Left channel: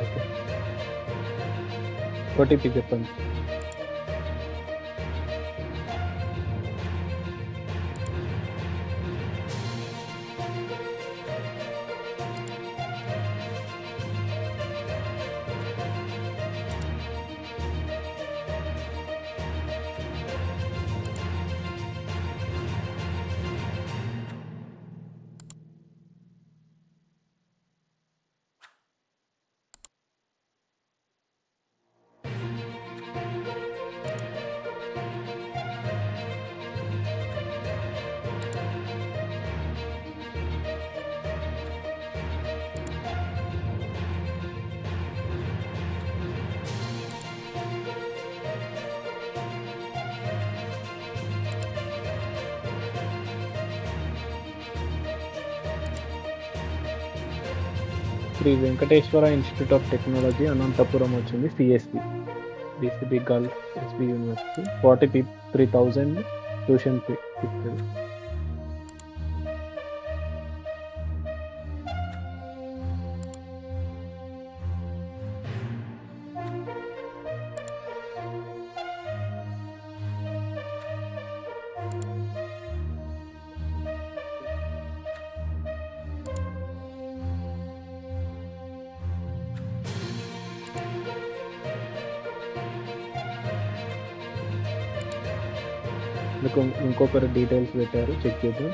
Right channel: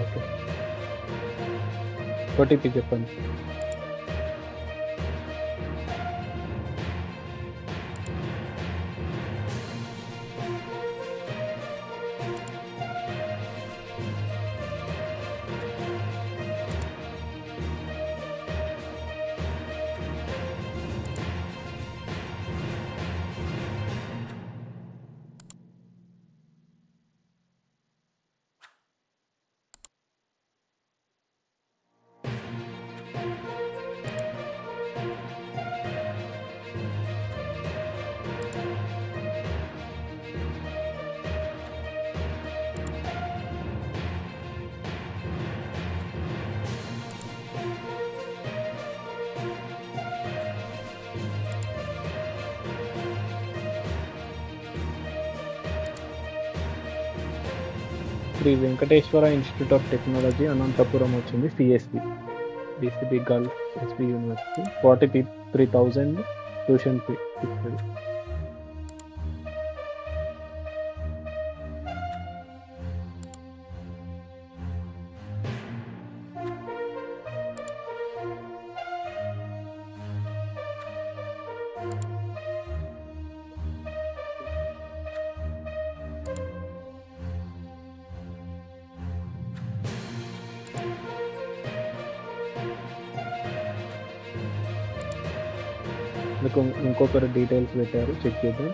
Okay okay OTP చెప్పండి. Sri Venkateswara institute of technology Anantapuram వచ్చింది. CSB BCB girls SB university 43,000 tuition fee fixed. మీకు ఇంకొకరు details పెట్టారు, చెక్ చేద్దాం.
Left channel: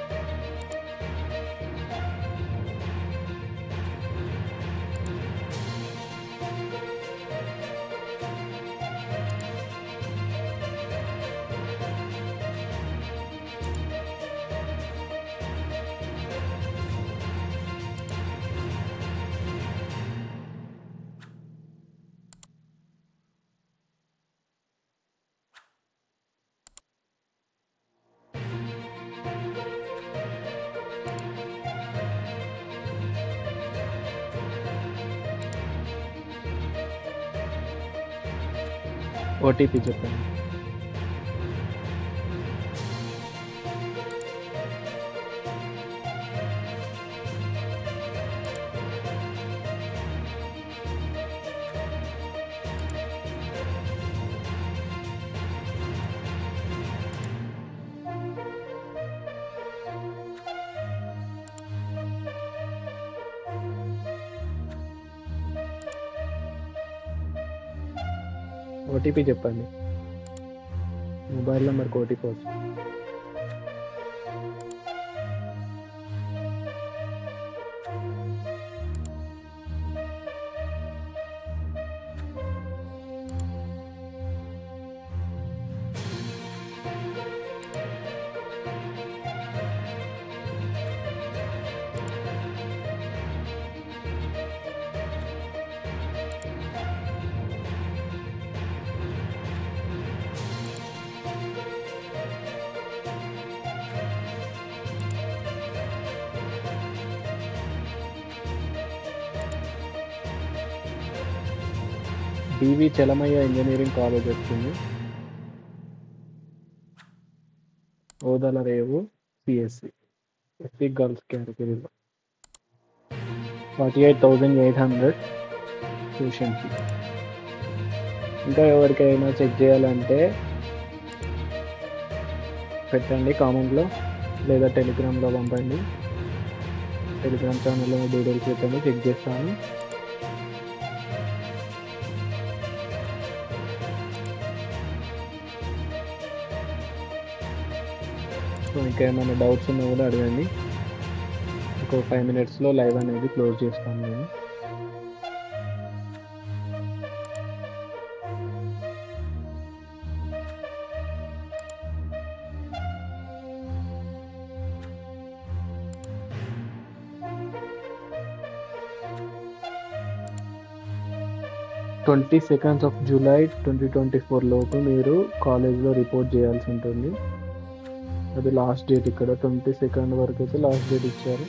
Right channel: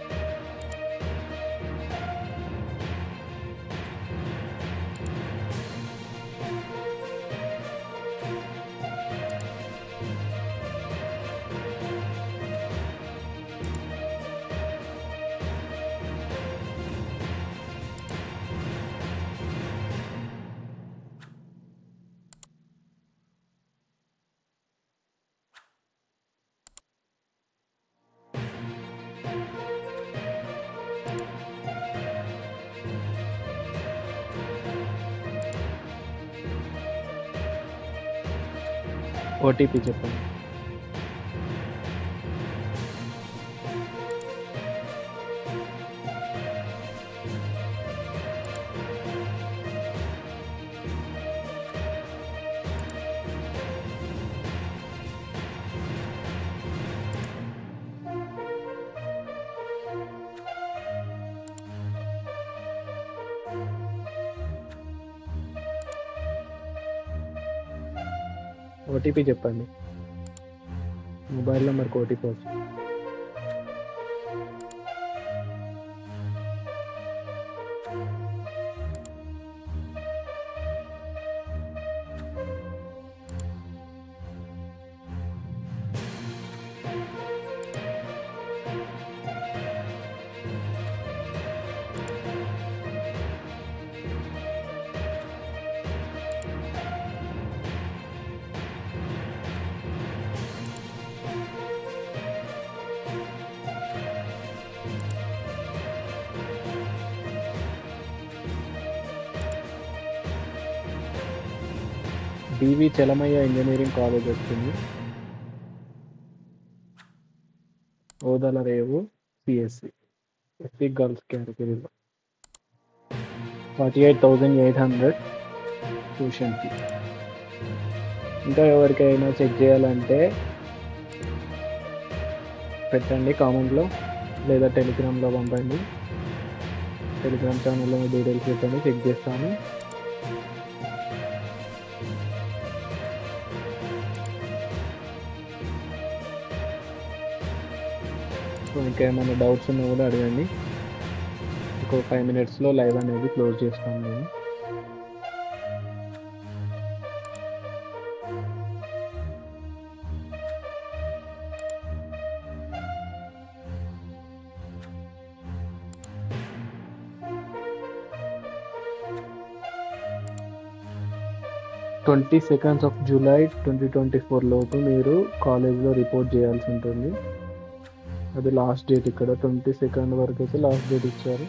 ఓటీపీ చెప్పండి. ఓటీపీ చెప్పండి. మొబైల్ నెంబర్కి ఓటీపీ వస్తుంది. డివి చలమయ్య ఇంజనీరింగ్ కాలేజ్ వచ్చింది. ఓదల రేవు సిఎస్సి ఎస్సీ గర్ల్స్ కేటగిరీలో 48,800 ట్యూషన్ ఫీ. ఇంకా ఎవరికైనా చెక్ చేయాలంటే పెట్టండి కామెంట్లో, లేదా టెలిగ్రామ్లో పంపండి. టెలిగ్రామ్ ఛానల్లో మీ డీటెయిల్స్ పెట్టండి, చెక్ చేస్తాను. సో ఇంకా ఏమైనా డౌట్స్ ఉన్నా కూడా అడగండి. ఇంకో 5 minutesలో లైవ్ అనేది క్లోజ్ చేస్తాను నేను. July 22, 2024 లోపు మీరు కాలేజ్లో రిపోర్ట్ చేయాల్సి ఉంటుంది. అది లాస్ట్ డేట్. ఇక్కడ 22 వరకు అయితే లాస్ట్ డేట్ ఇచ్చారు.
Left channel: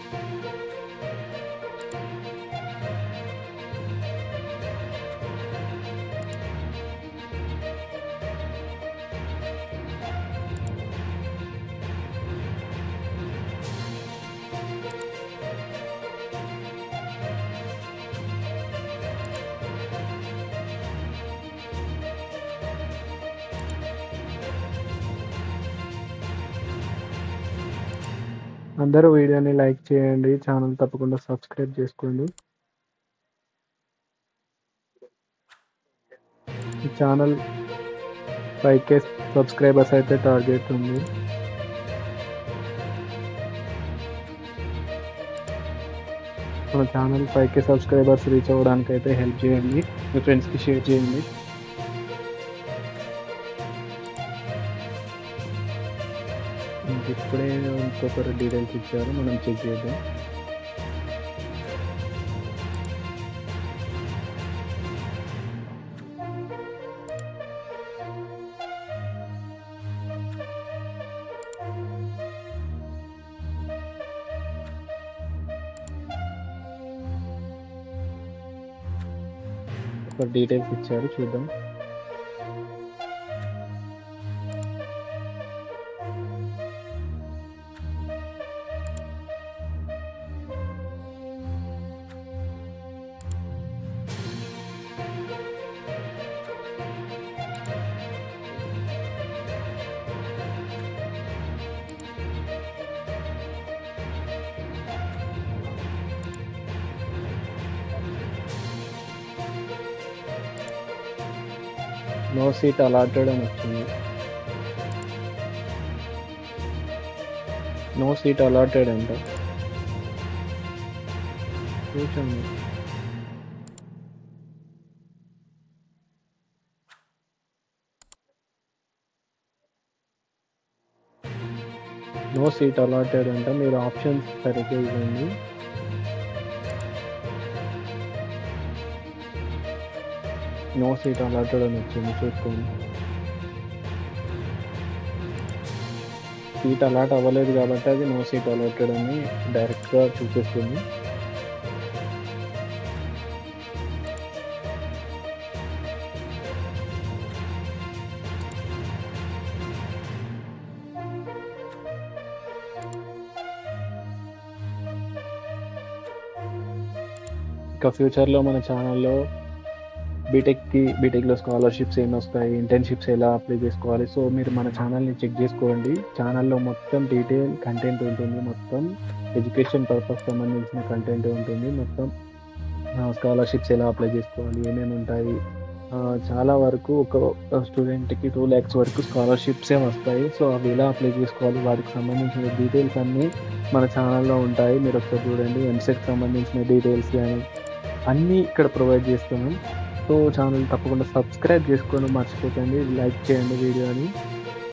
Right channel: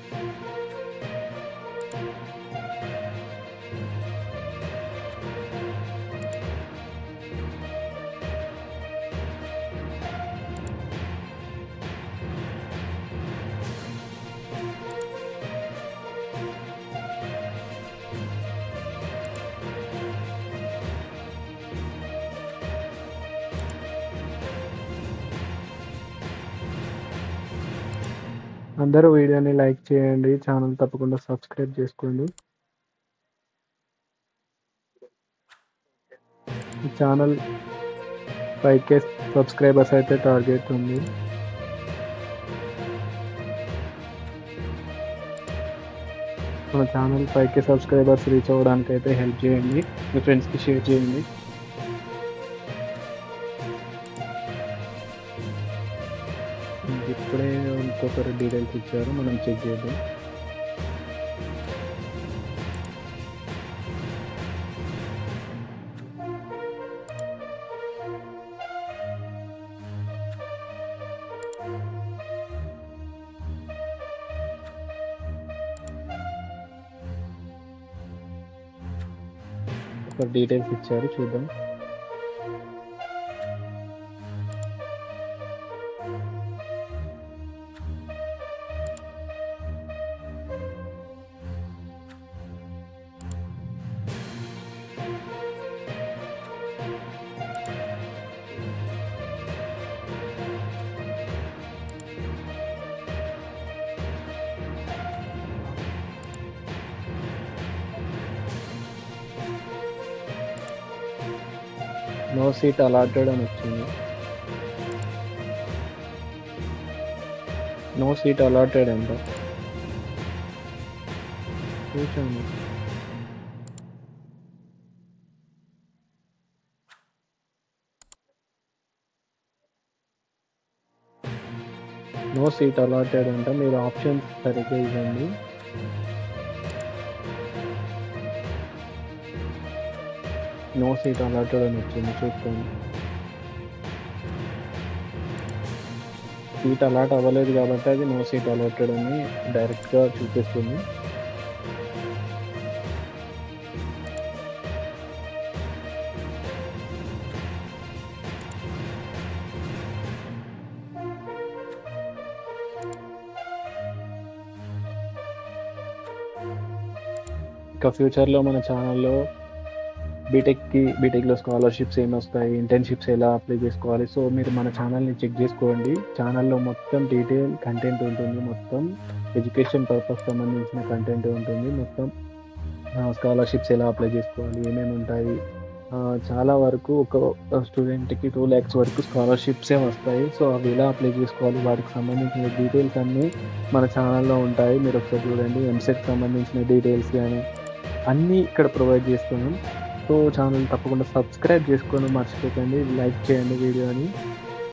అందరూ వీడియోని లైక్ చేయండి. ఛానల్ తప్పకుండా సబ్స్క్రైబ్ చేసుకోండి. ఈ ఛానల్ 5K సబ్స్క్రైబర్స్ అయితే టార్గెట్ ఉంది. మన ఛానల్ 5K సబ్స్క్రైబర్స్ రీచ్ అవ్వడానికి అయితే హెల్ప్ చేయండి. మీ ఫ్రెండ్స్కి షేర్ చేయండి. ఇప్పుడే ఇంకొకరు డీటెయిల్స్ ఇచ్చారు, మనం చెక్ చేద్దాం. ఒక డీటెయిల్స్ ఇచ్చారు, చూద్దాం. నో సీట్ అలాటెడ్ అని వచ్చింది. నో సీట్ అలాటెడ్ అంట. చూసాను. నో సీట్ అలాటెడ్ అంట. మీరు ఆప్షన్స్ సరిగ్గా ఇవ్వండి. నో సీట్ అలాటెడ్ అని వచ్చింది, చూసుకోండి. సీట్ అలాట్ అవ్వలేదు కాబట్టి అది నో సీట్ అలాటెడ్ అని డైరెక్ట్గా చూపిస్తుంది. ఇంకా ఫ్యూచర్లో మన ఛానల్లో బీటెక్లో స్కాలర్షిప్స్ ఏమి వస్తాయి, ఇంటర్న్షిప్స్ ఎలా అప్లై చేసుకోవాలి, సో మీరు మన ఛానల్ని చెక్ చేసుకోండి. ఛానల్లో మొత్తం డీటెయిల్ కంటెంట్ ఉంటుంది. మొత్తం ఎడ్యుకేషన్ పర్పస్ సంబంధించిన కంటెంట్ ఉంటుంది. మొత్తం స్కాలర్షిప్స్ ఎలా అప్లై చేసుకోవాలి, ఏమేమి ఉంటాయి, చాలా వరకు ఒక స్టూడెంట్కి 2 lakhs వరకు స్కాలర్షిప్సే వస్తాయి. సో అవి ఎలా అప్లై చేసుకోవాలి, వాటికి సంబంధించిన డీటెయిల్స్ అన్నీ మన ఛానల్లో ఉంటాయి. మీరు ఒకసారి చూడండి. ఎంసెట్కి సంబంధించిన డీటెయిల్స్ కానీ అన్నీ ఇక్కడ ప్రొవైడ్ చేస్తున్నాం. సో ఛానల్ తప్పకుండా సబ్స్క్రైబ్ చేసుకొని మర్చిపోకండి. లైక్ చేయండి వీడియోని.